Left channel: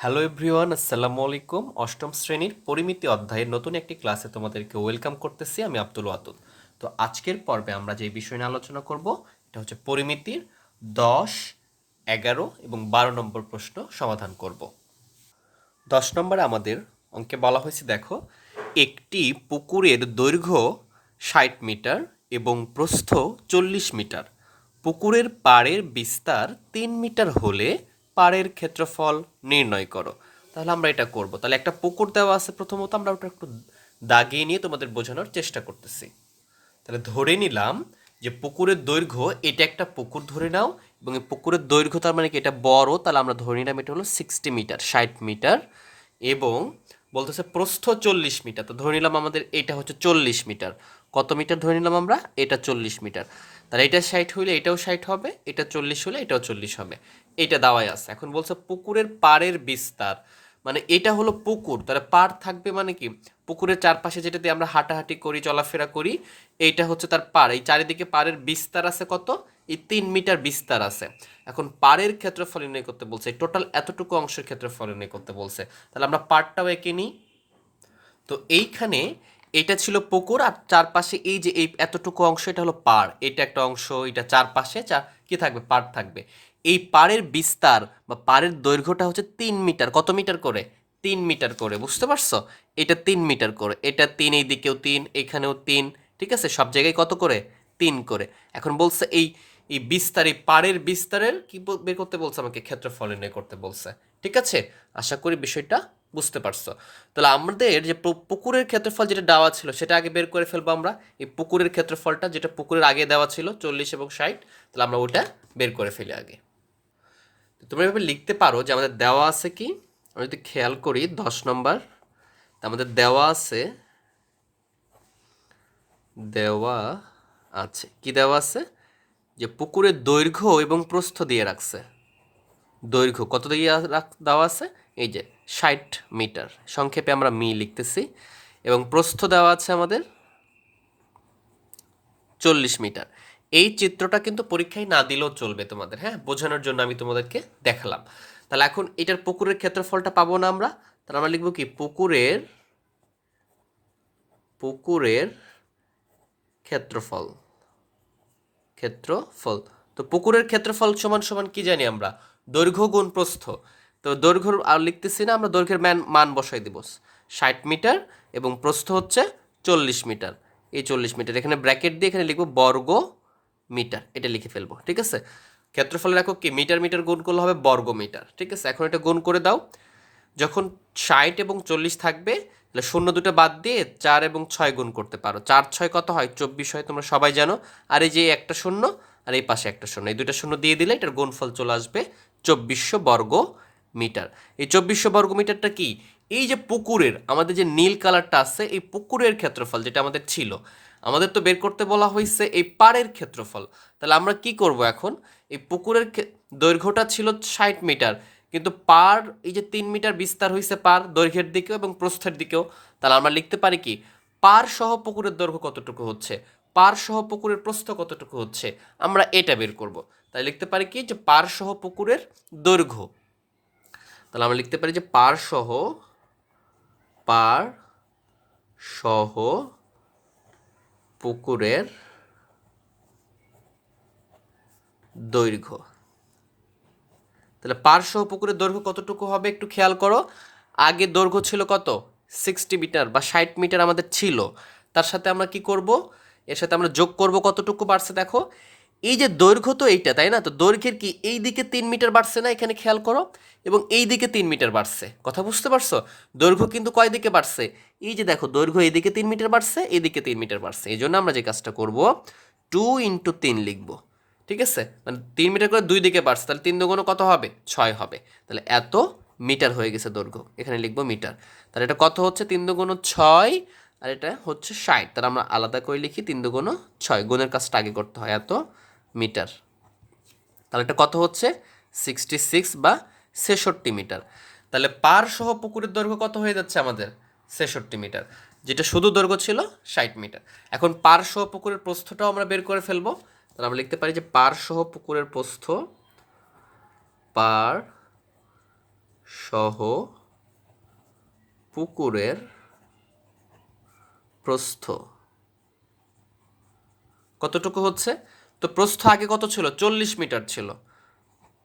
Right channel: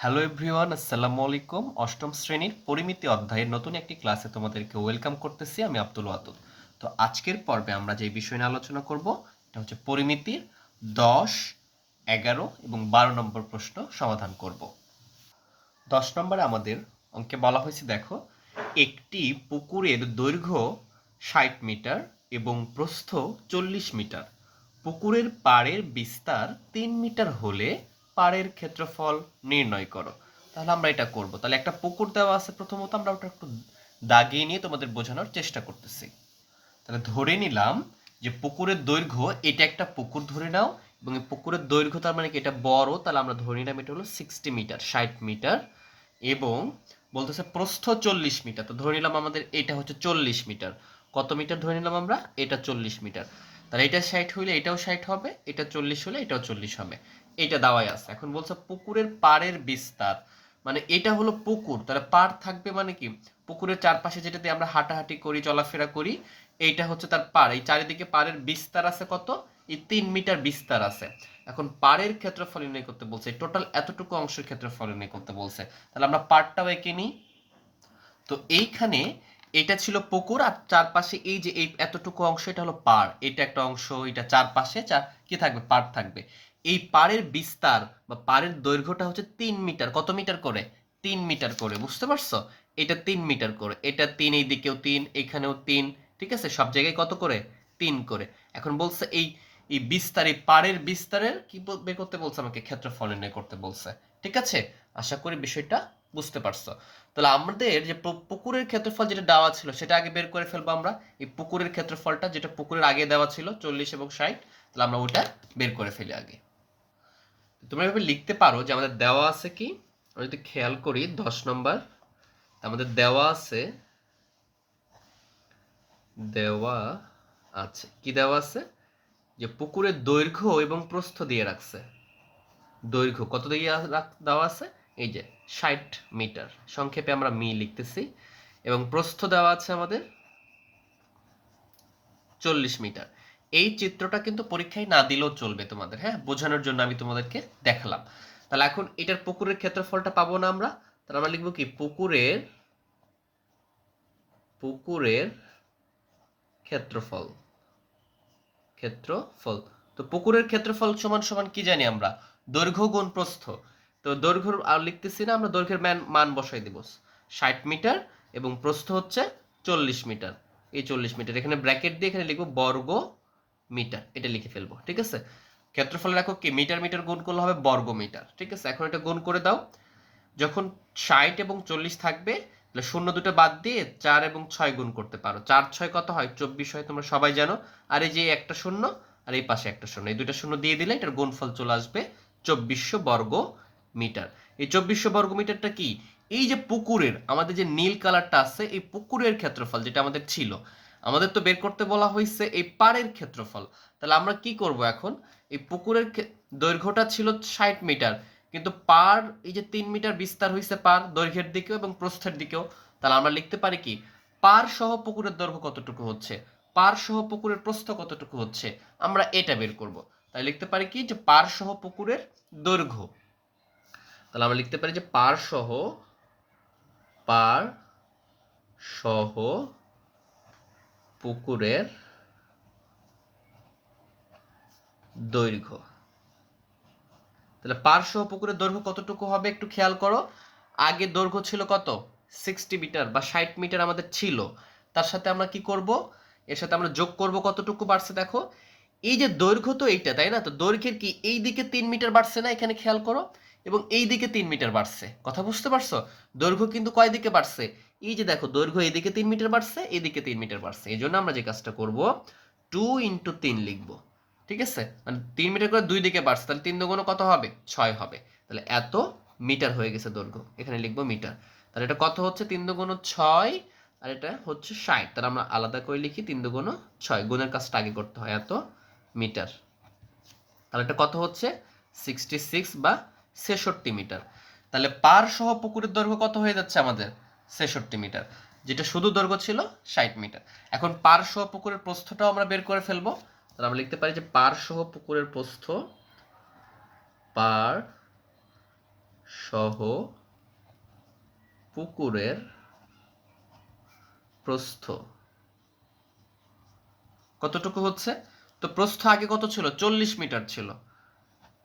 Hello everyone আসসালামু আলাইকুম অষ্টম শ্রেণির পরিমিতি অধ্যায়ের নতুন একটি ক্লাসে তোমাদেরকে ওয়েলকাম করতেছি, আমি আব্দুল ওয়াদুদ। তো আজকের পর্বে আমরা যে বিষয় নিয়ে আলোচনা করব, এটা হচ্ছে পরিমিতির দশ, এগারো এবং বারো নম্বর প্রশ্ন সমাধান করব। দশ নম্বরে আমাদের অঙ্কে বলা হয়েছে, দেখো, একটি পুকুরের দৈর্ঘ্য ষাট মিটার এবং প্রস্থ চল্লিশ মিটার। পুকুরের পাড়ের বিস্তার তিন মিটার হলে পাড়ের ক্ষেত্রফল নির্ণয় করো। তাহলে আমরা এটা করব। তাহলে একটা পুকুর দেওয়া আছে প্রথমত, আমরা ওটা একটু দাগিয়ে নিয়ে তোমাদের বোঝানোর চেষ্টা করতেছি। তাহলে ধরে নিলাম যে পুকুরের দৈর্ঘ্য, এটা একটা পুকুর ধরে নাও, এবং এই পুকুরের দৈর্ঘ্য তার মানে কি? এটা বড়, তাহলে আমরা ধরে নিলাম এটা হলো সিক্সটি মিটার ষাট মিটার এবং বলতেছে প্রস্থ চল্লিশ মিটার তো ধরে নিলাম আমাদের এটা হচ্ছে চল্লিশ মিটার কত মিটার ধরে নিলাম আমরা? এটা চল্লিশ মিটার তাহলে এটা ষাট হইলে এটাও ষাট হবে, এটা চল্লিশ হলে এটাও চল্লিশ হবে। এটা দাওয়াই আছে। এখন বলছে পুকুরের পাড়ের বিস্তার। মানে এটা হলো পুকুর। তাহলে পাড় থাকবে মানে কি? পুকুরের চারপাশে যেটা দিয়ে আমরা হাঁটাহাঁটি করি, চলাফেরা করি, এইটা হচ্ছে তার পাড়। এই চারিদিকে পাড়ের বিস্তার আছে কত? এই তিন মিটার বিস্তার আছে। এখন পাড়ের ক্ষেত্রফল নির্ণয় করতে বলছে টোটাল এতটুকু অংশের ক্ষেত্রফল নির্ণয় করতে বলছে। তাহলে আমরা পাড়টাও এঁকে নিই। তো এইখানে এটা ছিল পুকুর আর চারপাশে এই যে এই এতটুকু অংশ, এটা হলো পাড়। এটা একটা অংশ, এটা চারপাশে, চার কি থাকবে? পাড় থাকবে। এই পাড়ের বিস্তার বা পাড়ের দৈর্ঘ্যটা হচ্ছে তিন মিটার। কত মিটার করে? তিন মিটার করে, বুঝতে পারছ? এটা তিন মিটার করে, এটা তিন এই দিকেও তিন, এখানেও তিন, ঠিক আছে? সব জায়গায় কত করে? তিন করে। এখন বলছে এই এই বিস্তার, এই পাড়ের বিস্তারের কি বের করতে বলছে আমাকে? ক্ষেত্রফল নির্ণয় করতে বলছে, ঠিক আছে? আশা করি বিষয়টা বুঝতে পারছ। তাহলে আমাদের যে পুকুরের ক্ষেত্রফল যেটা দেওয়া ছিল, সেটা আগে বের করে ফেলব আমরা। এই পুকুরের ক্ষেত্রফলটা যেটা পুকুরের আগে দেওয়া ছিল, চল্লিশ এবং ষাট, তাহলে আমরা ওটা বের করে ফেলি আগে। তোমরা এভাবে লিখতে পারো যে আমাদের দেওয়া আছে কি? আমি যদি খেয়াল করি, দশ নম্বর আমাদের দেওয়া আছে দেওয়া আছে, কি দেওয়া আছে? যে পুকুরের দৈর্ঘ্য এবং প্রস্থ দিয়ে রাখছে। দৈর্ঘ্য কত দিয়ে দেওয়া আছে? এই যে ষাট মিটার। সংক্ষেপে আমরা মি লিখতেছি। এবং প্রস্থ দেওয়া আছে আমাদের চল্লিশ মিটার। এই চিত্রটা কিন্তু পরীক্ষায় না দিলেও চলবে তোমাদের হ্যাঁ? বোঝানোর জন্য আমি তোমাদেরকে দেখালাম। তাহলে এখন এটার পুকুরের ক্ষেত্রফলটা পাবো না আমরা? তাহলে আমরা লিখব কি? পুকুরের পুকুরের ক্ষেত্রফল ক্ষেত্রফল। তো পুকুরের ক্ষেত্রফল সমান সমান কি জানি আমরা? দৈর্ঘ্য গুণ প্রস্থ। তো দৈর্ঘ্য আর লিখতেছি না, আমরা দৈর্ঘ্যের মান মান বসাই দিব। ষাট মিটার এবং প্রস্থ হচ্ছে চল্লিশ মিটার। এই চল্লিশ মিটার, এখানে ব্র্যাকেট দিয়ে এখানে লিখব বর্গ মিটার, এটা লিখে ফেলব, ঠিক আছে? ক্ষেত্রফলের একক কি? মিটার মিটার গুণ করলে হবে বর্গ মিটার ঠিক আছে? এখন এটা গুণ করে দাও। যখন ষাট এবং চল্লিশ থাকবে, তাহলে শূন্য দুটো বাদ দিয়ে চার এবং ছয় গুণ করতে পারো। চার, ছয় কত হয়? চব্বিশ হয়, তোমরা সবাই জানো। আর এই যে একটা শূন্য, আর এই পাশে একটা শূন্য, এই দুইটা শূন্য দিয়ে দিলে এটার গুণফল চলে আসবে চব্বিশশো বর্গ মিটার এই চব্বিশশো বর্গ মিটারটা কি? এই যে পুকুরের, আমাদের যে নীল কালারটা আছে, এই পুকুরের ক্ষেত্রফল যেটা আমাদের ছিল আমাদের তো বের করতে বলা হয়েছে এই পাড়ের ক্ষেত্রফল। তাহলে আমরা কি করব এখন? এই পুকুরের দৈর্ঘ্যটা ছিল ষাট মিটার, কিন্তু পার এই যে তিন মিটার বিস্তার হয়েছে পার দৈর্ঘ্যের দিকেও এবং প্রস্থের দিকেও, তাহলে আমরা লিখতে পারি কি? পার সহ পুকুরের দৈর্ঘ্য কতটুকু হচ্ছে? পার সহ পুকুরের প্রস্থ কতটুকু হচ্ছে? আমরা এটা বের করব। তাই লিখতে পারি কি? যে পার সহ পুকুরের দৈর্ঘ্য। তাহলে আমরা লিখতে পারি যে পার সহ পার সহ পুকুরের দৈর্ঘ্য। তাহলে পার্শ্ব পুকুরের দৈর্ঘ্য কতটুকু হবে একটু খেয়াল করো। আগে দৈর্ঘ্য ছিল কত? সিক্সটি মিটার বা ষাট মিটার আমাদের ছিল। তার সাথে আমরা কি করব? এর সাথে আমরা যোগ করব কতটুকু বাড়ছে দেখো। এই যে দৈর্ঘ্য তো এইটা, তাই না? তো দৈর্ঘ্যের কি এই দিকে তিন মিটার বাড়ছে না? এখানে খেয়াল করো। এবং এই দিকে তিন মিটার বাড়ছে। কথা বুঝতে পারছ? দৈর্ঘ্য কিন্তু কয় দিকে বাড়ছে? এই যে দেখো, দৈর্ঘ্য এইদিকে তিন মিটার বাড়ছে এইদিকে তিন মিটার বাড়ছে। এই জন্য আমরা যে কাজটা করব টু ইন্টু তিন লিখব। ঠিক আছে? মানে তিন মিটার করে দুই দিকে বাড়ছে, তাহলে তিন দুগুণ কত হবে? ছয় হবে। তাহলে এত মিটার হয়ে গেছে দৈর্ঘ্য। এখানে লিখব মিটার। তাহলে এটা কত হচ্ছে? তিন দুগুণ ছয়, আর এটা হচ্ছে ষাট। তাহলে আমরা আলাদা করে লিখি তিন দুগুণ ছয়। গুণের কাজটা আগে করতে হয়। এত মিটার। তাহলে এটা কত হচ্ছে? সিক্সটি সিক্স বা ছেষট্টি মিটার। তাহলে পার সহ পুকুরের দৈর্ঘ্য কত হয়ে যাচ্ছে আমাদের? ছেষট্টি মিটার। যেটা শুধু দৈর্ঘ্য ছিল ষাট মিটার। এখন পার সহ পুকুরের প্রস্থটাও আমরা বের করে ফেলব। তাহলে আমরা লিখতে পারি যে পার সহ পুকুরের প্রস্থ পার সহ পুকুরের প্রস্থ। কতটুকু হচ্ছে? তো প্রস্থ আগে কত ছিল? চল্লিশ মিটার ছিল।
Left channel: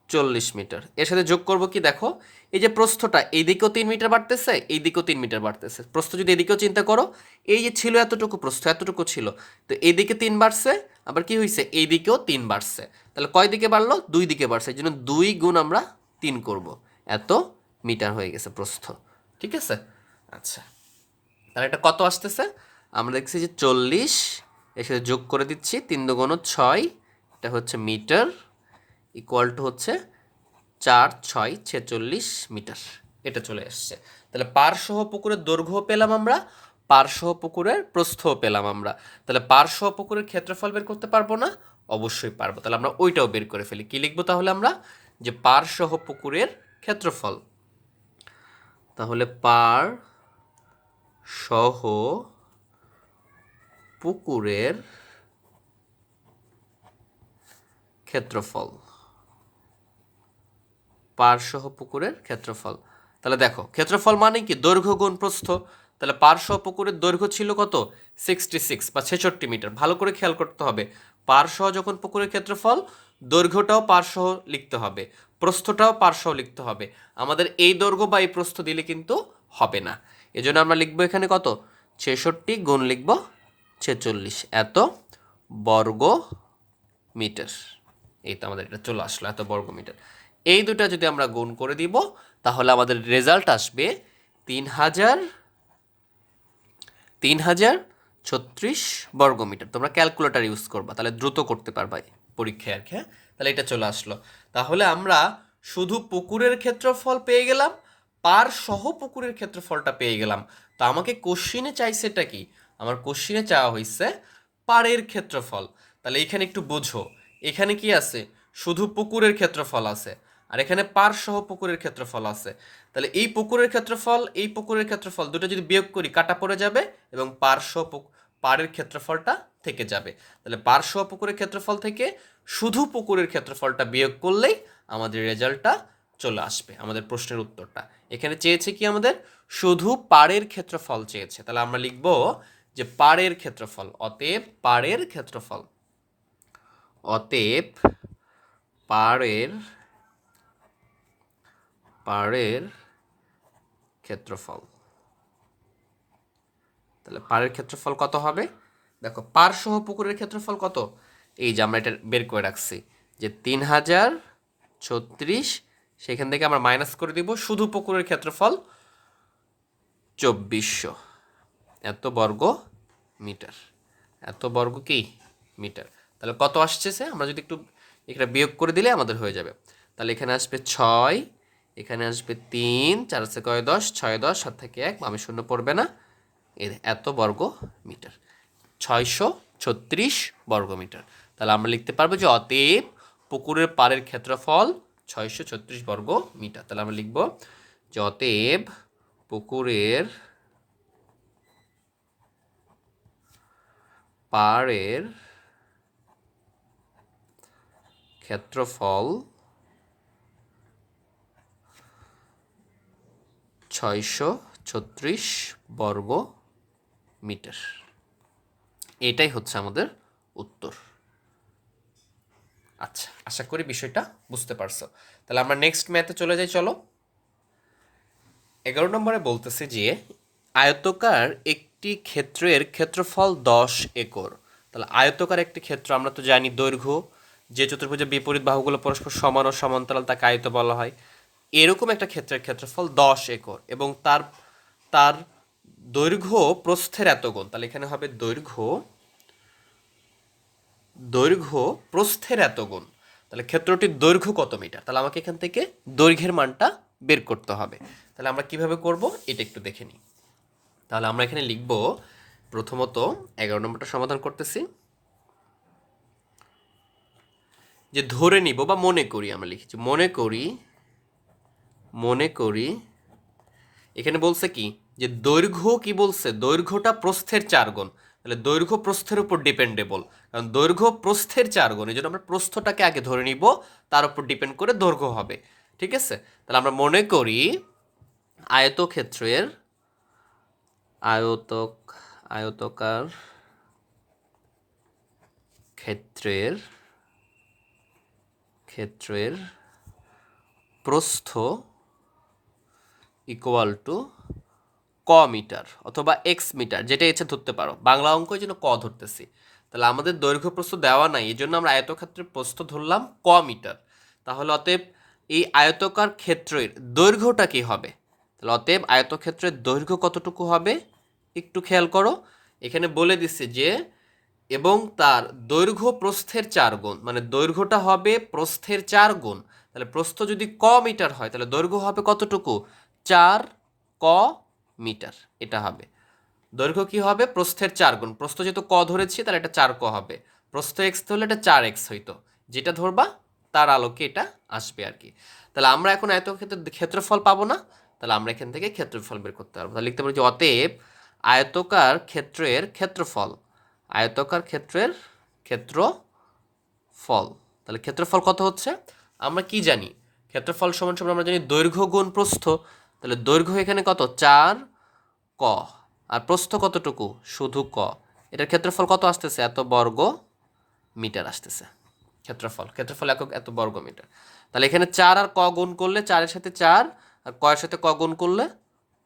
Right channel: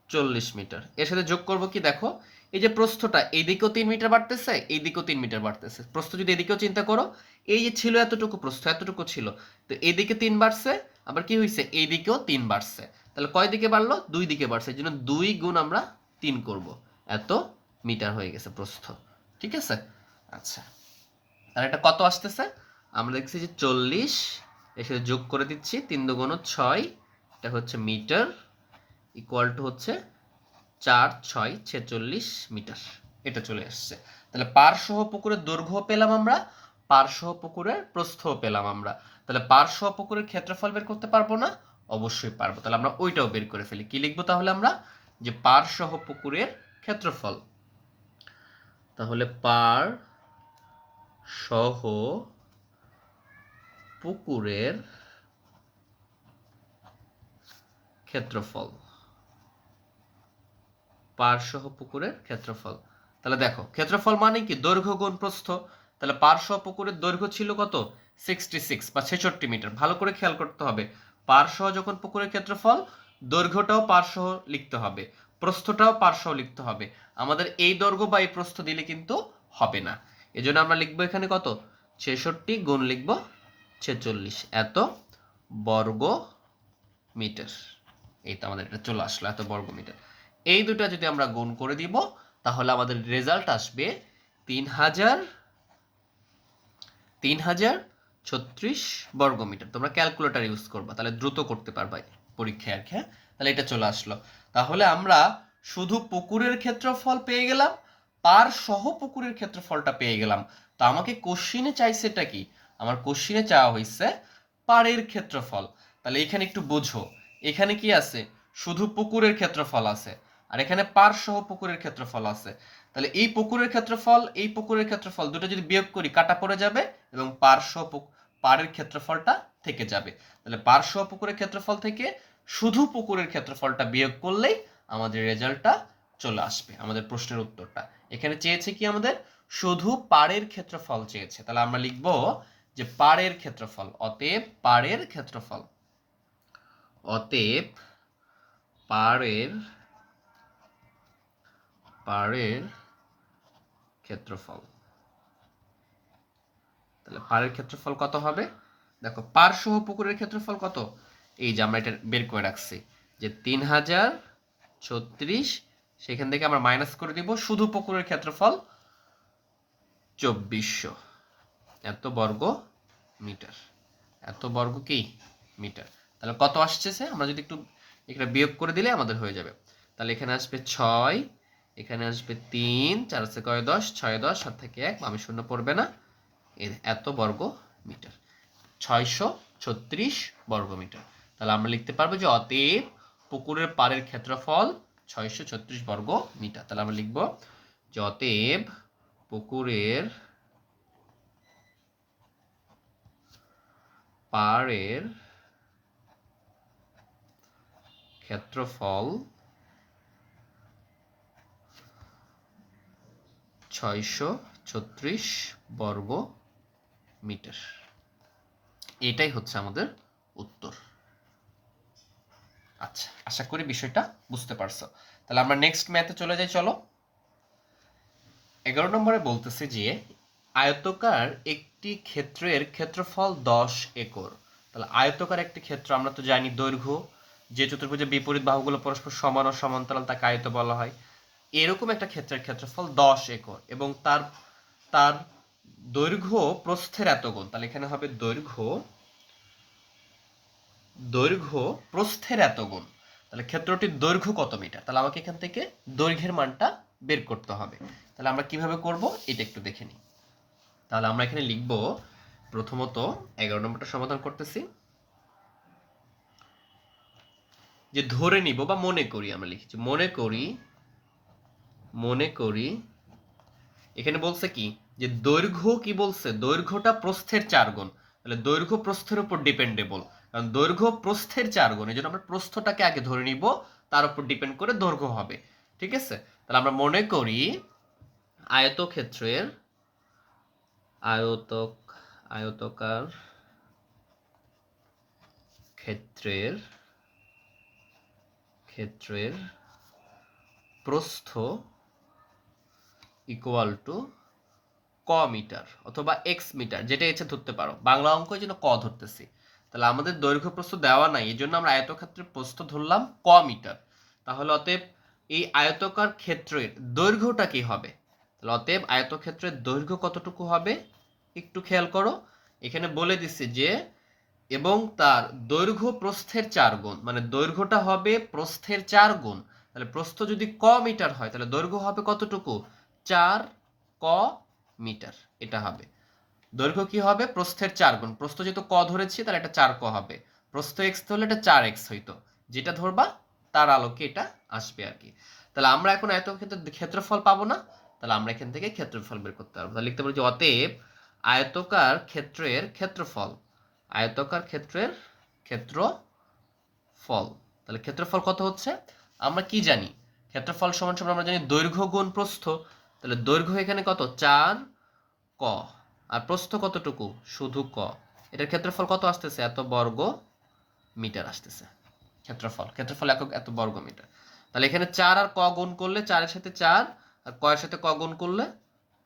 চল্লিশ মিটার। এর সাথে যোগ করব কি দেখো, এই যে প্রস্থটা এইদিকেও তিন মিটার বাড়তেছে এইদিকেও তিন মিটার বাড়তেছে। প্রস্থ যদি এদিকেও চিন্তা করো, এই যে ছিল এতটুকু প্রস্থ, এতটুকু ছিল। তো এইদিকে তিন বাড়ছে, আবার কি হয়েছে এইদিকেও তিন বাড়ছে। তাহলে কয় দিকে বাড়লো? দুই দিকে বাড়ছে। এই জন্য দুই গুণ আমরা তিন করব। এত মিটার হয়ে গেছে প্রস্থ। ঠিক আছে? আচ্ছা। তাহলে এটা কত আসতেছে? আমরা দেখছি যে চল্লিশ এর সাথে যোগ করে দিচ্ছি তিন দুগুণ ছয়, এটা হচ্ছে মিটার ইকুয়াল টু হচ্ছে চার, ছয়, ছেচল্লিশ মিটার। এটা চলে আসছে। তাহলে পারসহ পুকুরের দৈর্ঘ্য পেলাম আমরা পারসহ পুকুরের প্রস্থও পেলাম আমরা। তাহলে পারসহ পুকুরের ক্ষেত্রফল বের করতে পারব না? অবশ্যই পারব। তাহলে আমরা ওইটাও বের করে ফেলি। কি লিখব তাহলে আমরা? যে পারসহ পুকুরের ক্ষেত্রফল। তাহলে পার সহ পুকুরের ক্ষেত্রফল। পারসহ পুকুরের ক্ষেত্রফল। তাহলে দেখো, ক্ষেত্রফল মানে কি? দৈর্ঘ্য গুণ প্রস্থ। তাহলে পারসহ পুকুরের দৈর্ঘ্য ছিল কত? সিক্সটি সিক্স বা ছেষট্টি মিটার। ভালো করে খেয়াল করতে হবে। পারসহ যখন পুকুরের ক্ষেত্রফল, দৈর্ঘ্যটাও পারসহ লিখতে হবে। প্রস্থটাও পারসহ লিখতে হবে। আমাদের এই দৈর্ঘ্য বা এই প্রস্থ দিলে কিন্তু হবে না। এজন্য আমরা লিখব এখানে কত? ছেষট্টি গুণ লিখব ছেচল্লিশ এত বর্গ মিটার এই তো আমাদের এটা চলে আসলো, এত বর্গ মিটার এই দুটো যদি আমরা গুণ করে দিব, তাহলে আমাদের রেজাল্ট আসবে তিন হাজার তিন হাজার ছত্রিশ বর্গ মিটার তোমরা ক্যালকুলেটার ইউজ করবা, তাহলে দ্রুত করতে পারবা পরীক্ষায় আর কি হ্যাঁ? তাহলে এটা চলে আসলো। তাহলে আমরা শুধু পুকুরের ক্ষেত্রফল পেয়ে গেলাম পার সহ পুকুরের ক্ষেত্রফলটা পেয়ে গেলাম। তা আমাকে কোশ্চিনে চাইছেটা কি? আমার কোশ্চিনে চাওয়া হয়েছে পাড়ের ক্ষেত্রফল। তাহলে এখানে একটু বোঝো, এখানে কি আছে? শুধু পুকুরের ক্ষেত্রফল আছে, আর এখানে পার সহ পুকুরের ক্ষেত্রফল আছে। তাহলে এই পুকুরের ক্ষেত্রফল, এই পুকুরের ক্ষেত্রফল দুটো যদি বিয়োগ করি, কাটা পড়ে যাবে এবং পার সহ পাড়ের ক্ষেত্রফলটা থেকে যাবে। তাহলে পার সহ পুকুরের ক্ষেত্রফল থেকে শুধু পুকুরের ক্ষেত্রফলটা বিয়োগ করলেই আমাদের রেজাল্টটা চলে আসবে, আমাদের প্রশ্নের উত্তরটা। এখানে চেয়েছে কি আমাদের? শুধু পাড়ের ক্ষেত্রফল চেয়েছে। তাহলে আমরা লিখব যে পাড়ের ক্ষেত্রফল, অতএব পাড়ের ক্ষেত্রফল। অতএব পাড়ের পাড়ের ক্ষেত্রফল। তাহলে পাড়ের ক্ষেত্রফল কত হবে? দেখো পার সহ পুকুরের ক্ষেত্রফল কত? এই যে আমরা এটা বের করে রাখছি যে তিন হাজার ছত্রিশ, সেখান থেকে আমরা মাইনাস করে দিব শুধু পুকুরের ক্ষেত্রফল চব্বিশশো। এত বর্গ মিটার। এত বর্গ কি? মিটার। তাহলে কত আসছে আমরা যদি একটু এখানে বিয়োগ করে দিলে আমাদের হয়ে যাবে। তাহলে এখানে আসবে ছয়, এখানে আসবে তিন, চার আছে কয় দশ, ছয় দশ, সাত থেকে এক আমি শূন্য পড়বে না। এর এত বর্গ মিটার। ছয়শো ছত্রিশ বর্গ মিটার। তাহলে আমরা লিখতে পারব যে অতএব পুকুরের পাড়ের ক্ষেত্রফল ছয়শো ছত্রিশ বর্গ মিটার। তাহলে আমরা লিখব যে অতএব পুকুরের পাড়ের ক্ষেত্রফল ছয়শো ছত্রিশ বর্গ মিটার। এটাই হচ্ছে আমাদের উত্তর। আচ্ছা আশা করি বিষয়টা বুঝতে পারছ। তাহলে আমরা নেক্সট ম্যাথে চলে যাই, চলো। এগারো নম্বরে বলতেছে যে, আয়তকার একটি ক্ষেত্রের ক্ষেত্রফল দশ একর। তাহলে আয়তকার একটি ক্ষেত্র, আমরা তো জানি দৈর্ঘ্য, যে চতুর্ভুজের বিপরীত বাহুগুলো পরস্পর সমান ও সমান্তরাল, তাকে আয়ত বলা হয়। এরকম একটা ক্ষেত্রের ক্ষেত্রফল দশ একর এবং তার তার দৈর্ঘ্য প্রস্থের এত গুণ। তাহলে এখানে হবে দৈর্ঘ্য দৈর্ঘ্য প্রস্থের এত গুণ। তাহলে ক্ষেত্রটির দৈর্ঘ্য কত মিটার? তাহলে আমাকে এখান থেকে দৈর্ঘ্যের মানটা বের করতে হবে। তাহলে আমরা কীভাবে করব? এটা একটু দেখে নিই। তাহলে আমরা এখানে লিখব, প্রথমত এগারো নম্বরটা সমাধান করতেছি। যে ধরে নিব বা মনে করি আমরা লিখেছি। মনে করি মনে করি, এখানে বলছে কি? যে দৈর্ঘ্য কি বলছে? দৈর্ঘ্যটা প্রস্থের চার গুণ। তাহলে দৈর্ঘ্য প্রস্থের উপর ডিপেন্ডেবল কারণ দৈর্ঘ্য প্রস্থের চার গুণ, এই জন্য আমরা প্রস্থটাকে আগে ধরে নিব, তার উপর ডিপেন্ড করে দৈর্ঘ্য হবে। ঠিক আছে? তাহলে আমরা মনে করি আয়তক্ষেত্রের আয়তক, আয়তকার ক্ষেত্রের ক্ষেত্রের প্রস্থ ইকুয়াল টু ক মিটার অথবা এক্স মিটার, যেটা ইচ্ছে ধরতে পারো। বাংলা অঙ্ক জন্য ক ধরতেছি। তাহলে আমাদের দৈর্ঘ্য প্রস্থ দেওয়া নাই, এই জন্য আমরা আয়তক্ষেত্রের প্রস্থ ধরলাম ক মিটার। তাহলে অতএব এই আয়তকার ক্ষেত্রের দৈর্ঘ্যটা কি হবে? তাহলে অতএব আয়তক্ষেত্রের দৈর্ঘ্য কতটুকু হবে? একটু খেয়াল করো। এখানে বলে দিচ্ছে যে, এবং তার দৈর্ঘ্য প্রস্থের চার গুণ মানে দৈর্ঘ্যটা হবে প্রস্থের চার গুণ। তাহলে প্রস্থ যদি ক মিটার হয়, তাহলে দৈর্ঘ্য হবে কতটুকু? চার ক মিটার এটা হবে। দৈর্ঘ্য কি হবে? প্রস্থের চার গুণ। প্রস্থ যেহেতু ক ধরেছি, তাহলে এটা চার ক হবে। প্রস্থ এক্স হলে এটা চার এক্স হইতো। যেটা ধরবা, তার আলোকে এটা আসবে আর কি। তাহলে আমরা এখন এত ক্ষেত্রে ক্ষেত্রফল পাবো না। তাহলে আমরা এখান থেকে ক্ষেত্রফল বের করতে পারব। তাহলে লিখতে পারি যে অতএব আয়তকার ক্ষেত্রের ক্ষেত্রফল, আয়তকার ক্ষেত্রের ক্ষেত্রফল। তাহলে ক্ষেত্রফল কত হচ্ছে? আমরা কি জানি? ক্ষেত্রফল সমান সমান আমরা জানি দৈর্ঘ্য গুণ প্রস্থ। তাহলে দৈর্ঘ্য এখানে কত? চার ক। আর প্রস্থ কতটুকু? শুধু ক। এটার ক্ষেত্রফল কত আসতেছে? এত বর্গ মিটার আসতেছে। ক্ষেত্রফল ক্ষেত্রফল একক এত বর্গ মিটার। তাহলে এখানে চার আর ক গুণ করলে চারের সাথে চার আর কয়ের সাথে ক গুণ করলে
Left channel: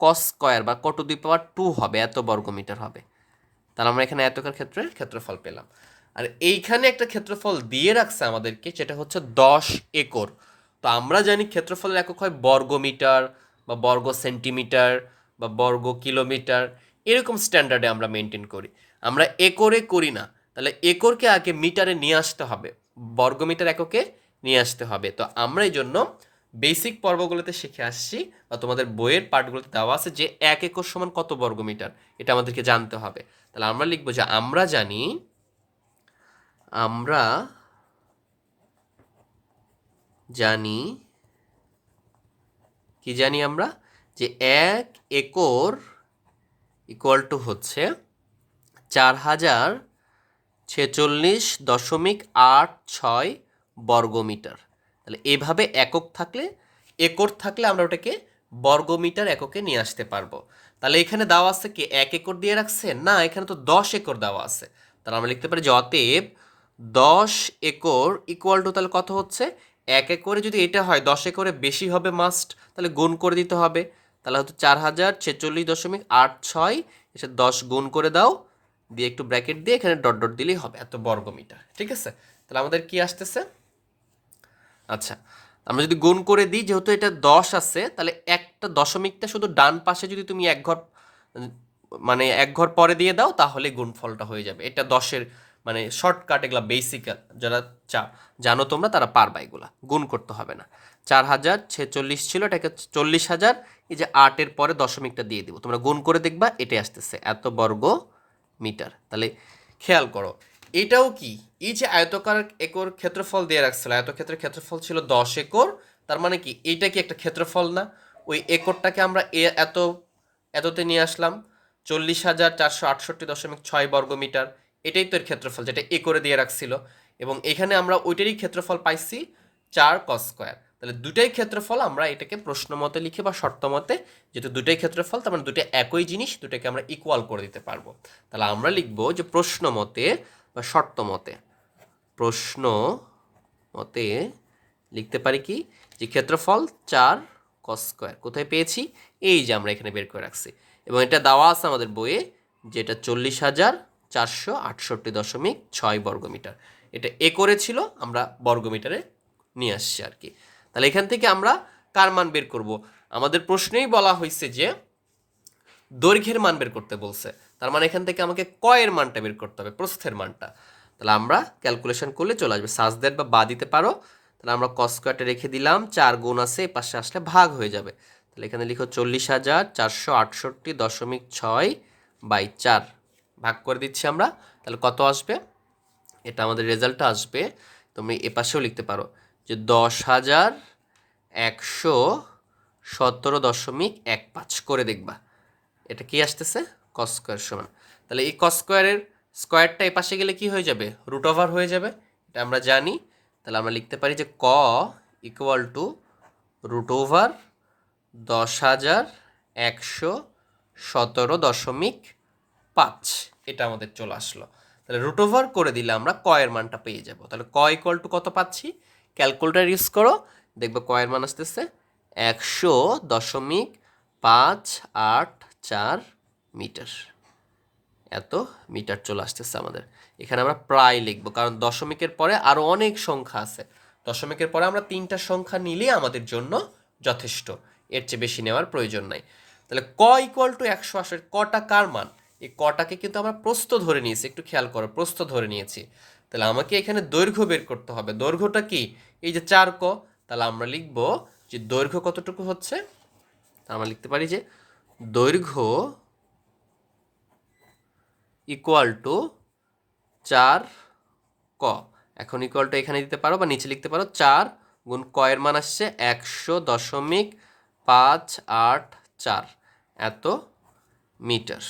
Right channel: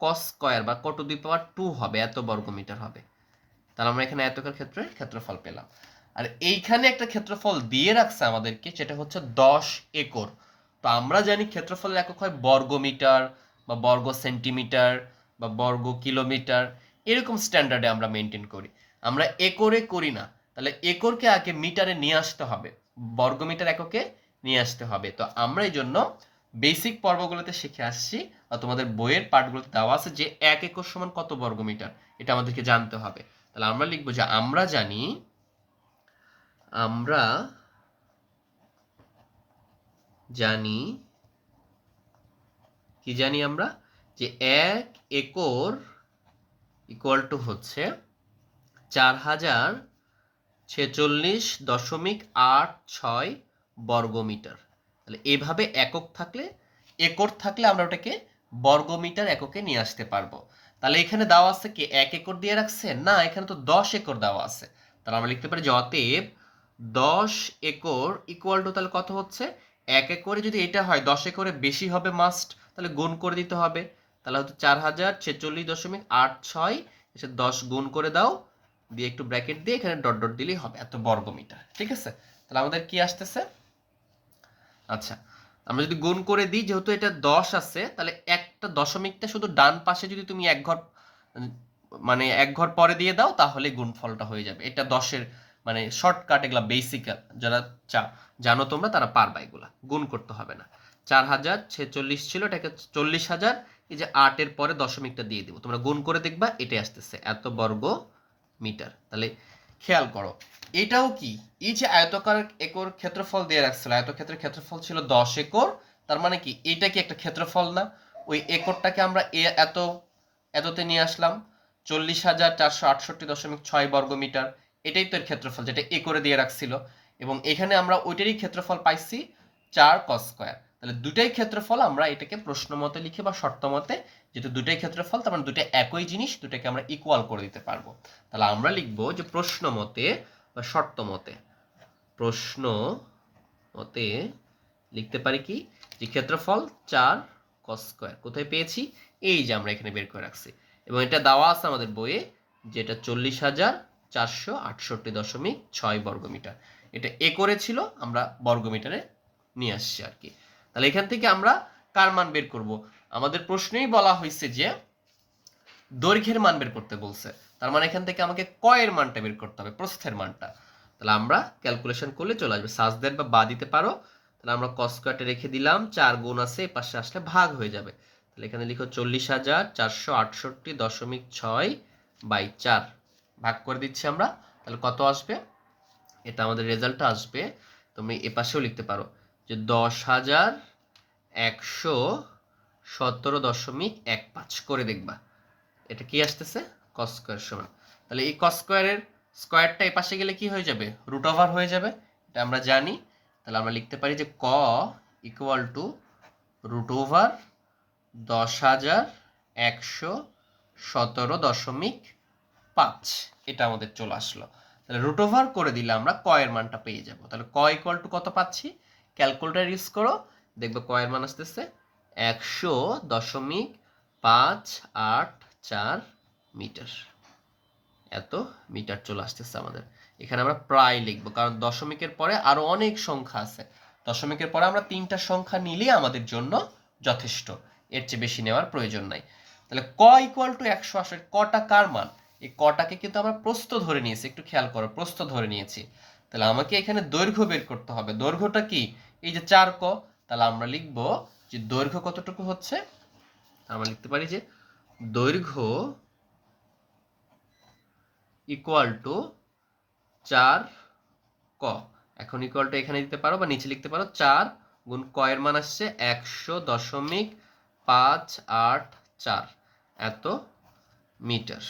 ক স্কয়ার বা ক টু দি পাওয়ার টু হবে, এত বর্গ মিটার হবে। তাহলে আমরা এখানে এতকার ক্ষেত্রে ক্ষেত্রফল পেলাম। আর এইখানে একটা ক্ষেত্রফল দিয়ে রাখছে আমাদেরকে যেটা হচ্ছে দশ একর। তো আমরা জানি ক্ষেত্রফলের একক হয় বর্গ মিটার বা বর্গ সেন্টিমিটার বা বর্গ কিলোমিটার, এরকম স্ট্যান্ডার্ডে আমরা মেনটেন করি। আমরা একরে করি না। তাহলে একরকে আগে মিটারে নিয়ে আসতে হবে বর্গমিটার এককে নিয়ে আসতে হবে। তো আমরা এই জন্য বেসিক পর্বগুলোতে শিখে আসছি তোমাদের বইয়ের পার্টগুলোতে দেওয়া আছে যে এক একর সমান কত বর্গমিটার, এটা আমাদেরকে জানতে হবে। তাহলে আমরা লিখব যে আমরা জানি আমরা জানি, কি জানি আমরা? যে এক একর ইকুয়াল টু হচ্ছে চার হাজার ছেচল্লিশ দশমিক আট ছয় বর্গমিটার। তাহলে এভাবে একক থাকলে, একর থাকলে আমরা ওটাকে বর্গমিটার এককে নিয়ে আসতে পারব। তাহলে এখানে দেওয়া আছে কি, এক একর দিয়ে রাখছে না, এখানে তো দশ একর দেওয়া আছে। তাহলে আমরা লিখতে পারি যে অতএব দশ একর ইকুয়াল টু তাহলে কত হচ্ছে? এক একরে যদি এটা হয়, দশ একরে বেশি হবে মাস্ট তাহলে গুণ করে দিতে হবে। তাহলে হয়তো চার হাজার ছেচল্লিশ দশমিক আট ছয়, এসে দশ গুণ করে দাও। দিয়ে একটু ব্র্যাকেট দিয়ে এখানে ডট ডট দিলেই হবে, এত বর্গমিটার, ঠিক আছে? তাহলে আমাদের কি আসতেছে? আচ্ছা আমরা যদি গুণ করে দিই, যেহেতু এটা দশ আছে, তাহলে একটা দশমিকটা শুধু ডান পাশে যদি তুমি এক ঘর মানে এক ঘর পরে দিয়ে দাও, তাহলে গুণফলটা হয়ে যাবে। এটা দশের মানে শর্টকাট এগুলা বেসিক যারা চা, জানো তোমরা, তারা পারবা এগুলা। গুণ করতে হবে না। চার হাজার ছেচল্লিশ ছিল, এটাকে চল্লিশ হাজার, এই যে আটের পরে দশমিকটা দিয়ে দিব। তোমরা গুণ করে দেখবা, এটাই আসতেছে, এত বর্গ মিটার তাহলে খেয়াল করো এটাও কি? এই যে আয়তকার একর ক্ষেত্রফল দিয়ে রাখছিল, আয়তক্ষেত্রের ক্ষেত্রফল ছিল দশ একর, তার মানে কি? এইটা কি একটা ক্ষেত্রফল না? ওই একরটাকে আমরা এ এত, এততে নিয়ে আসলাম, চল্লিশ হাজার চারশো আটষট্টি দশমিক ছয় বর্গ মিটার। এটাই তো এর ক্ষেত্রফল, যেটা একরে দিয়ে রাখছিল। এবং এখানে আমরা ওইটারই ক্ষেত্রফল পাইছি চার কস স্কোয়ার তাহলে দুটাই ক্ষেত্রফল আমরা এটাকে প্রশ্ন মতে লিখি বা শর্ত মতে যেহেতু দুটাই ক্ষেত্রফল, তার মানে দুটো একই জিনিস, দুটাকে আমরা ইকুয়াল করে দিতে পারব। তাহলে আমরা লিখব যে প্রশ্ন মতে বা শর্ত মতে। প্রশ্ন মতে লিখতে পারি কি? যে ক্ষেত্রফল চার কস স্কোয়ার কোথায় পেয়েছি? এই যে আমরা এখানে বের করে রাখছি। এবং এটা দেওয়া আছে আমাদের বইয়ে যেটা চল্লিশ হাজার চারশো আটষট্টি দশমিক ছয় বর্গমিটার। এটা এ করেছিল, আমরা বর্গমিটারে নিয়ে আসছি আর কি। তাহলে এখান থেকে আমরা কার মান বের করব? আমাদের প্রশ্নেই বলা হয়েছে যে দৈর্ঘ্যের মান বের করতে বলছে। তার মানে এখান থেকে আমাকে কয়ের মানটা বের করতে হবে, প্রস্থের মানটা। তাহলে আমরা ক্যালকুলেশন করলে চলে আসবে। সাজদের বা বা দিতে পারো, তাহলে আমরা কস্কোয়ারটা রেখে দিলাম, চার গুণ আছে এ পাশে আসলে ভাগ হয়ে যাবে। তাহলে এখানে লিখো চল্লিশ হাজার চারশো আটষট্টি দশমিক ছয় বাই চার। ভাগ করে দিচ্ছি আমরা, তাহলে কত আসবে? এটা আমাদের রেজাল্টটা আসবে, তুমি এ পাশেও লিখতে পারো যে দশ হাজার একশো সতেরো দশমিক এক পাঁচ করে দেখবা। এটা কি আসতেছে? কস স্কোয়ার সমান। তাহলে এই কস স্কোয়ারের স্কোয়ারটা এই পাশে গেলে কি হয়ে যাবে? রুট ওভার হয়ে যাবে। এটা আমরা জানি। তাহলে আমরা লিখতে পারি যে ক ইকুয়াল টু রুট ওভার দশ হাজার একশো সতেরো দশমিক পাঁচ। এটা আমাদের চলে আসলো। তাহলে রুট ওভার করে দিলে আমরা কয়ের মানটা পেয়ে যাব। তাহলে ক ইকুয়াল টু কত পাচ্ছি? ক্যালকুলেটার ইউজ করো। দেখবে কয়ের মান আসতেছে একশো দশমিক পাঁচ আট চার মিটার। এত মিটার চলে আসতেছে আমাদের। এখানে আমরা প্রায় লিখব, কারণ দশমিকের পরে আরও অনেক সংখ্যা আছে। দশমিকের পরে আমরা তিনটা সংখ্যা নিলেই আমাদের জন্য যথেষ্ট। এর চেয়ে বেশি নেওয়ার প্রয়োজন নাই। তাহলে ক ইকুয়াল টু একশো আশের কটা কার মান? এই কটাকে কিন্তু আমরা প্রস্থ ধরে নিয়েছি, একটু খেয়াল করো, প্রস্থ ধরে নিয়েছি। তাহলে আমাকে এখানে দৈর্ঘ্য বের করতে হবে। দৈর্ঘ্যটা কি? এই যে চার ক, তাহলে আমরা লিখব যে দৈর্ঘ্য কতটুকু হচ্ছে? আমরা লিখতে পারি যে দৈর্ঘ্য ইকুয়াল টু চার ক। এখন ইকুয়াল টু এখানে দিতে পারো বা নিচে লিখতে পারো। চার গুণ কয়ের মান আসছে একশো দশমিক পাঁচ আট চার। এত মিটার।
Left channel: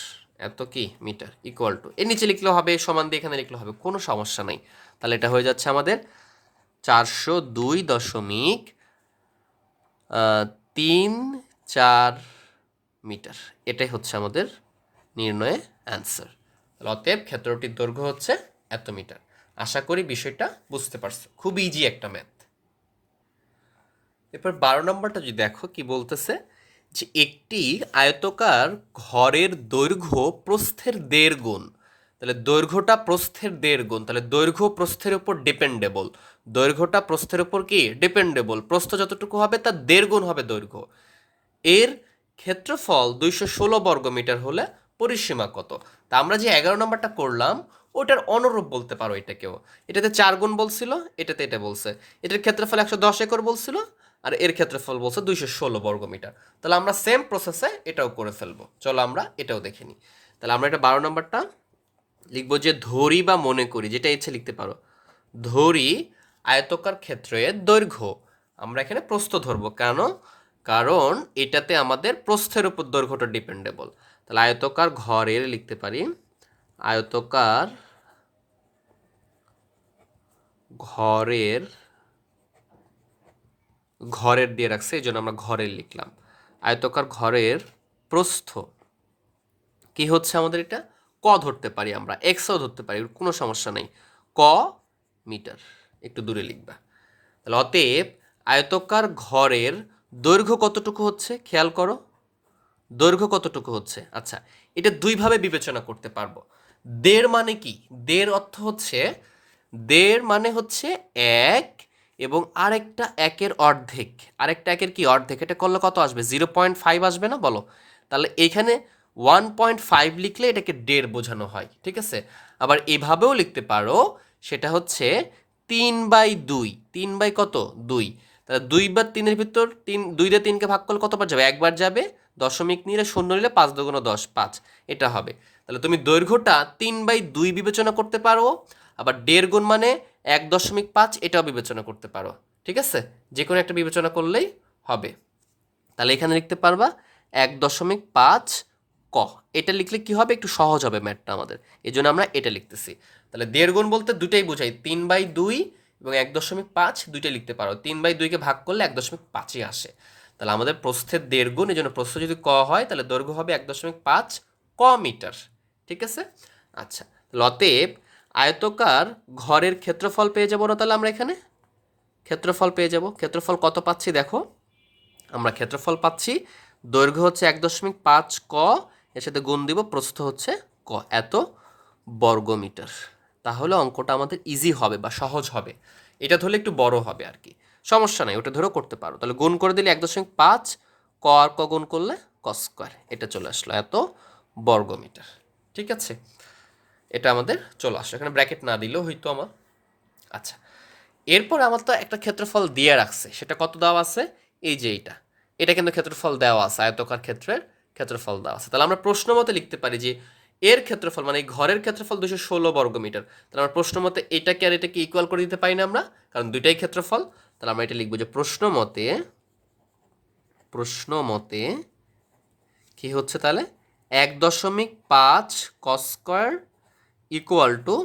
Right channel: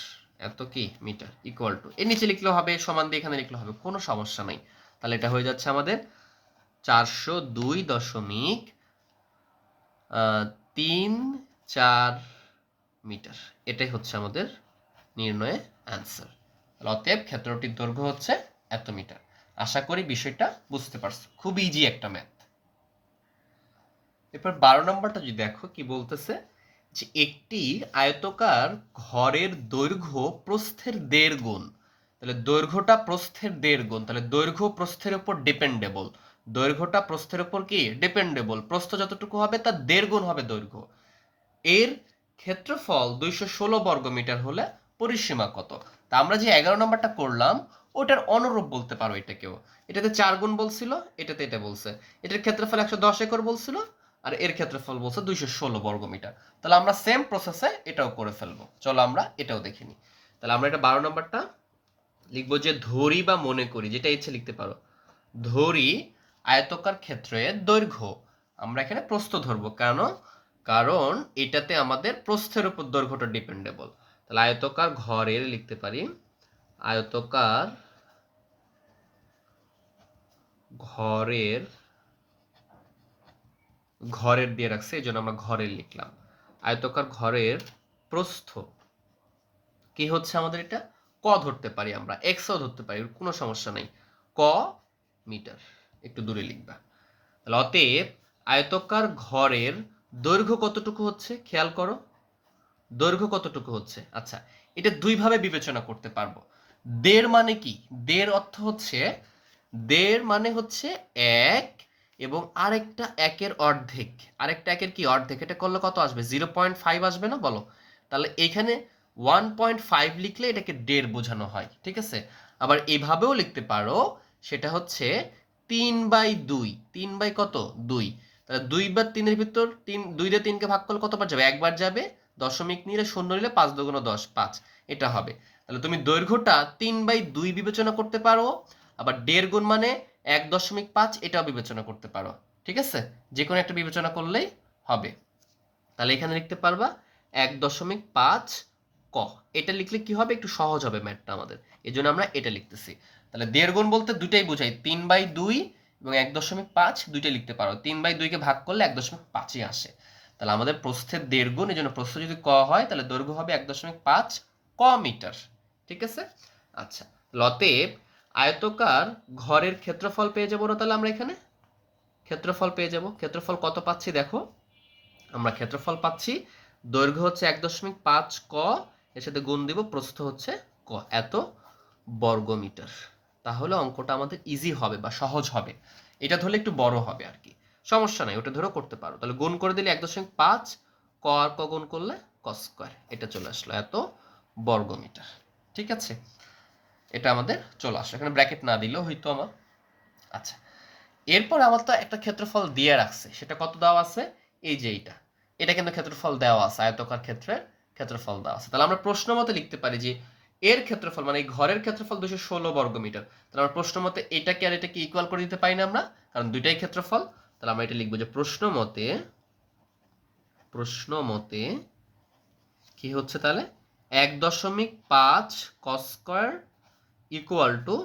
এত কি? মিটার। ইকুয়াল টু এর নিচে লিখলেও হবে, সমান দিয়ে এখানে লিখলেও হবে। কোনো সমস্যা নাই। তাহলে এটা হয়ে যাচ্ছে আমাদের চারশো দুই দশমিক তিন চার মিটার। এটাই হচ্ছে আমাদের নির্ণয়ে অ্যান্সার অতএব ক্ষেত্রটির দৈর্ঘ্য হচ্ছে এত মিটার। আশা করি বিষয়টা বুঝতে পারছ। খুব ইজি একটা ম্যাথ এরপর বারো নম্বরটা যদি দেখো, কি বলতেছে? যে একটি আয়তকার ঘরের দৈর্ঘ্য প্রস্থের দেড় গুণ। তাহলে দৈর্ঘ্যটা প্রস্থের দেড় গুণ। তাহলে দৈর্ঘ্য প্রস্থের উপর ডিপেন্ডেবল দৈর্ঘ্যটা প্রস্থের উপর কি? ডিপেন্ডেবল প্রস্থ যতটুকু হবে তার দেড় গুণ হবে দৈর্ঘ্য। এর ক্ষেত্রফল দুইশো ষোলো বর্গমিটার হলে পরিসীমা কত? তা আমরা যে এগারো নম্বরটা করলাম, ওটার অনুরূপ বলতে পারো এটাকেও। এটাতে চার গুণ বলছিল, এটাতে এটা বলছে। এটার ক্ষেত্রফল একশো দশ একর বলছিল, আর এর ক্ষেত্রফল বলছে দুইশো ষোলো বর্গমিটার তাহলে আমরা সেম প্রসেসে এটাও করে ফেলব। চলো আমরা এটাও দেখে নিই। তাহলে আমরা এটা বারো নম্বরটা লিখব যে ধরি বা মনে করি, যেটা ইচ্ছে লিখতে পারো। ধরি আয়তকার ক্ষেত্রে দৈর্ঘ্য। আমরা এখানে প্রস্থ ধরবো। কেন? কারণ এটাতে আমাদের প্রস্থের উপর দৈর্ঘ্যটা ডিপেন্ডেবল তাহলে আয়তকার ঘরের লিখতে পারি। আয়তকার ঘরের ঘরের দিয়ে রাখছে, এই জন্য আমরা ঘরের লিখলাম। আয়তকার ঘরের প্রস্থ কি হচ্ছে আমাদের এটা? ক ধরতে পারি আমরা এক্সও ধরতে পারি, কোনো সমস্যা নেই। ক মিটার, একটু দূরে লিখবা। তাহলে অতএব আয়তকার ঘরের দৈর্ঘ্য কতটুকু হচ্ছে? খেয়াল করো। দৈর্ঘ্য কতটুকু হচ্ছে? আচ্ছা এটা দুইভাবে বিবেচনা করতে পারব। দেড় মানে কি? দেড় অর্থ হচ্ছে, দেড় মানে হচ্ছে এক এবং আরেকটা একের অর্ধেক। আরেকটা একের কি? অর্ধেক। এটা করলে কত আসবে? জিরো পয়েন্ট ফাইভ আসবে না? বলো। তাহলে এখানে ওয়ান পয়েন্ট ফাইভ লিখলে এটাকে দেড় বোঝানো হয়, ঠিক আছে? আবার এভাবেও লিখতে পারো, সেটা হচ্ছে তিন বাই দুই। তিন বাই কত? দুই। তাহলে দুই বা তিনের ভিতর তিন, দুই দিয়ে তিনকে ভাগ করলে কতবার যাবে? একবার যাবে। দশমিক নিলে শূন্য নিলে পাঁচ দুগুণ দশ, পাঁচ। এটা হবে। তাহলে তুমি দৈর্ঘ্যটা তিন বাই দুই বিবেচনা করতে পারো, আবার দেড় গুণ মানে এক দশমিক পাঁচ, এটাও বিবেচনা করতে পারো। ঠিক আছে? যে কোনো একটা বিবেচনা করলেই হবে। তাহলে এখানে লিখতে পারবা, এক দশমিক পাঁচ ক। এটা লিখলে কি হবে? একটু সহজ হবে ম্যাথটা আমাদের। এই জন্য আমরা এটা লিখতেছি। তাহলে দেড় গুণ বলতে দুটাই বোঝাই। তিন বাই দুই এবং এক দশমিক পাঁচ, দুইটাই লিখতে পারো। তিন বাই দুইকে ভাগ করলে এক দশমিক পাঁচই আসে। তাহলে আমাদের প্রস্থের দেড় গুণ এই জন্য প্রস্থ যদি ক হয়, তাহলে দৈর্ঘ্য হবে এক দশমিক পাঁচ ক মিটার। ঠিক আছে? আচ্ছা লতেব, আয়তকার ঘরের ক্ষেত্রফল পেয়ে যাব না তাহলে আমরা এখানে? ক্ষেত্রফল পেয়ে যাব। ক্ষেত্রফল কত পাচ্ছি দেখো? আমরা ক্ষেত্রফল পাচ্ছি, দৈর্ঘ্য হচ্ছে এক দশমিক পাঁচ ক, এর সাথে গুণ দিব, প্রস্থ হচ্ছে ক, এত বর্গমিটার তাহলে অঙ্কটা আমাদের ইজি হবে বা সহজ হবে। এটা ধরলে একটু বড় হবে আর কি। সমস্যা নাই, ওটা ধরেও করতে পারো। তাহলে গুণ করে দিলে এক দশমিক পাঁচ, ক আর ক গুণ করলে ক স্কোয়ার এটা চলে আসলো এত বর্গমিটার। ঠিক আছে? এটা আমাদের চলে আসলো, এখানে ব্র্যাকেট না দিলেও হয়তো আমার আচ্ছা। এরপর আমার তো একটা ক্ষেত্রফল দিয়ে রাখছে, সেটা কত দেওয়া আছে? এই যে এইটা। এটা কিন্তু ক্ষেত্রফল দেওয়া আছে, আয়তকার ক্ষেত্রের ক্ষেত্রফল দেওয়া আছে। তাহলে আমরা প্রশ্ন মতে লিখতে পারি যে এর ক্ষেত্রফল মানে এই ঘরের ক্ষেত্রফল দুশো ষোলো বর্গমিটার, তাহলে আমরা প্রশ্ন মতে এটাকে আর এটাকে ইকুয়াল করে দিতে পারি না আমরা, কারণ দুইটাই ক্ষেত্রফল। তাহলে আমরা এটা লিখব যে প্রশ্ন মতে প্রশ্ন মতে কি হচ্ছে তাহলে? এক দশমিক পাঁচ k square equal to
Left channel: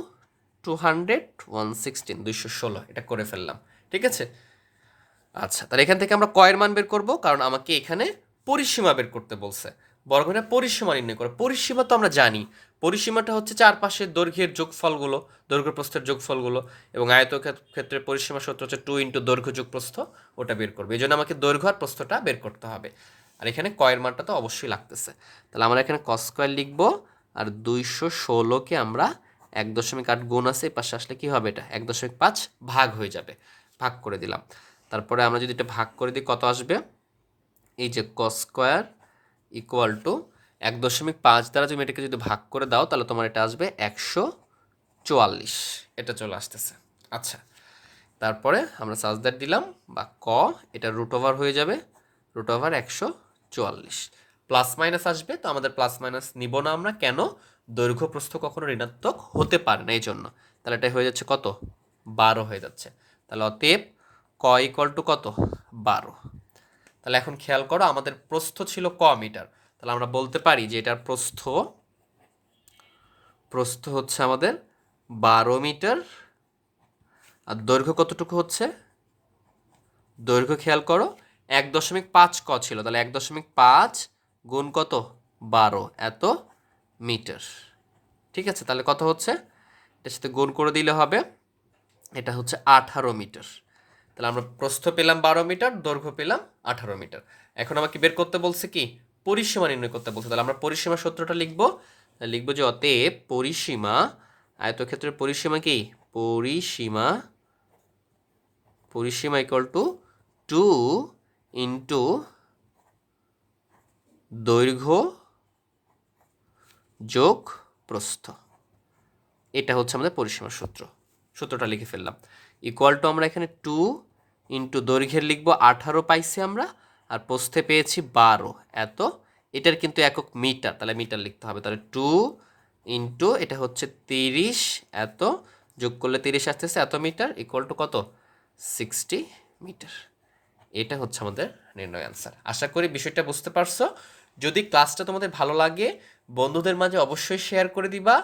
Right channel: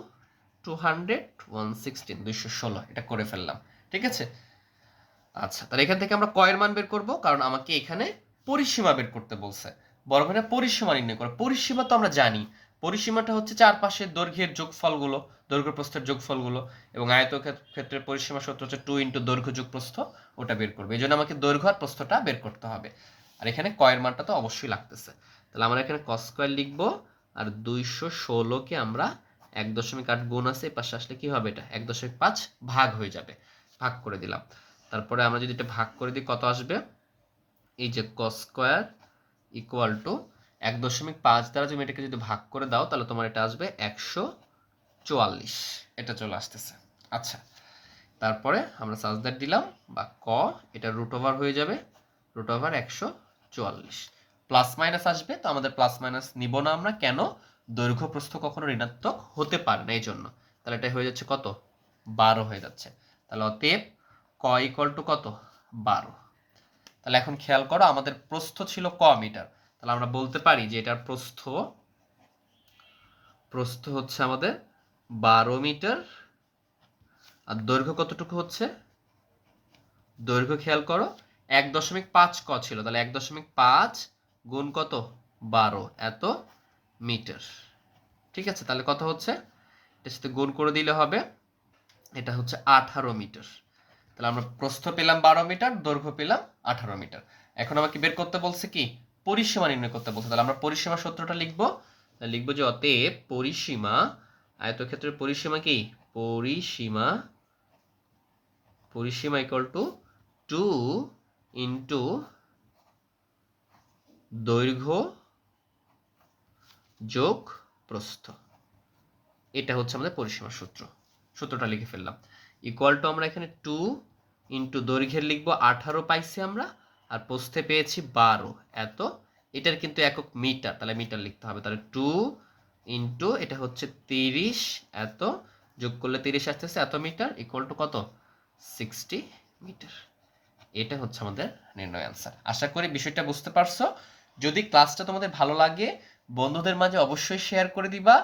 two hundred one sixteen দুইশো ষোলো, এটা করে ফেললাম, ঠিক আছে? আচ্ছা তাহলে এখান থেকে আমরা কয়ের মান বের করব, কারণ আমাকে এখানে পরিসীমা বের করতে বলছে। বর্গটা পরিসীমা নির্ণয় করো, পরিসীমা তো আমরা জানি পরিসীমাটা হচ্ছে চারপাশের দৈর্ঘ্যের যোগফলগুলো দৈর্ঘ্য প্রস্থের যোগফলগুলো এবং আয়ত ক্ষেত্রে পরিসীমা সূত্র হচ্ছে টু ইন্টু দৈর্ঘ্য যোগ প্রস্থ ওটা বের করবে। এই জন্য আমাকে দৈর্ঘ্য আর প্রস্থটা বের করতে হবে। আর এখানে কয়ের মানটা তো অবশ্যই লাগতেছে। তাহলে আমরা এখানে কস স্কোয়ার লিখব, আর দুইশো ষোলোকে আমরা এক দশমিক আট গুণ আছে, এই পাশে আসলে কি হবে এটা? এক দশমিক পাঁচ ভাগ হয়ে যাবে। ভাগ করে দিলাম। তারপরে আমরা যদি এটা ভাগ করে দিই, কত আসবে? এই যে কস স্কোয়ার ইকুয়াল টু এক দশমিক পাঁচ দ্বারা তুমি এটাকে যদি ভাগ করে দাও, তাহলে তোমার এটা আসবে একশো চুয়াল্লিশ। এটা চলে আসতেছে। আচ্ছা তারপরে আমরা সাজদার দিলাম বা ক, এটা রুট ওভার হয়ে যাবে, রুট ওভার একশো চুয়াল্লিশ। প্লাস মাইনাস আসবে, তো আমাদের প্লাস মাইনাস নিব না আমরা। কেন? দৈর্ঘ্য প্রস্থ কখনো ঋণাত্মক হতে পারে না এই জন্য তাহলে এটা হয়ে যাচ্ছে কত? বারো হয়ে যাচ্ছে। তাহলে অতএব ক ইকুয়াল টু কত? বারো। তাহলে এখন খেয়াল করো, আমাদের প্রস্থ ছিল ক মিটার। তাহলে আমরা বলতে পারি যে এটার প্রস্থ প্রস্থ হচ্ছে আমাদের বারো মিটার। আর দৈর্ঘ্য কতটুকু হচ্ছে? দৈর্ঘ্য খেয়াল করো, এক দশমিক পাঁচ ক ছিল, তাহলে এক দশমিক পাঁচ গুণ কত? বারো, এত মিটার। ঠিক আছে, তাহলে কত হচ্ছে? এটার সাথে গুণ করে দিলে হবে, এটা হচ্ছে আঠারো মিটার। তাহলে আমরা প্রস্থ পেলাম বারো মিটার, দৈর্ঘ্য পেলাম আঠারো মিটার। এখন আমাকে বের করতে বলছে কি? পরিসীমা নির্ণয় করতে বলছে। তাহলে আমরা পরিসীমা সূত্রটা লিখব। লিখব যে অতএব পরিসীমা আয়তক্ষেত্রের পরিসীমা কি? পরিসীমা পরিসীমা ইকুয়াল টু টু ইন্টু দৈর্ঘ্য যোগ প্রস্থ। এটা হচ্ছে আমাদের পরিসীমা সূত্র। সূত্রটা লিখে ফেললাম। ইকুয়াল টু আমরা এখানে টু ইন্টু দৈর্ঘ্যের লিখব। আঠারো পাইছি আমরা। আর প্রস্থে পেয়েছি বারো। এত? এটার কিন্তু একক মিটার। তাহলে মিটার লিখতে হবে। তাহলে টু ইন্টু, এটা হচ্ছে তিরিশ। এত? যোগ করলে তিরিশ আসতেছে। এত মিটার ইকুয়াল টু কত? Sixty metre. এটা হচ্ছে আমাদের নির্ণয় আনসার আশা করি বিষয়টা বুঝতে পারছ। যদি ক্লাসটা তোমাদের ভালো লাগে, বন্ধুদের মাঝে অবশ্যই শেয়ার করে দিবা।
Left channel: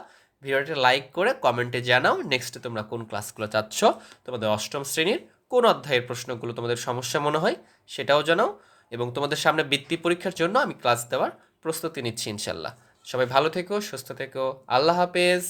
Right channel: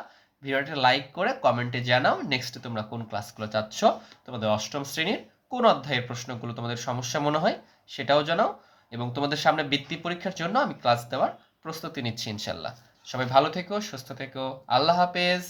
ভিডিওটা লাইক করে কমেন্টে জানাও। নেক্সটে তোমরা কোন ক্লাসগুলো চাচ্ছ? তোমাদের অষ্টম শ্রেণির কোন অধ্যায়ের প্রশ্নগুলো তোমাদের সমস্যা মনে হয়, সেটাও জানাও। এবং তোমাদের সামনে বৃত্তি পরীক্ষার জন্য আমি ক্লাস দেওয়ার প্রস্তুতি নিচ্ছি ইনশাল্লাহ সবাই ভালো থেকো, সুস্থ থেকো। আল্লাহ হাফেজ।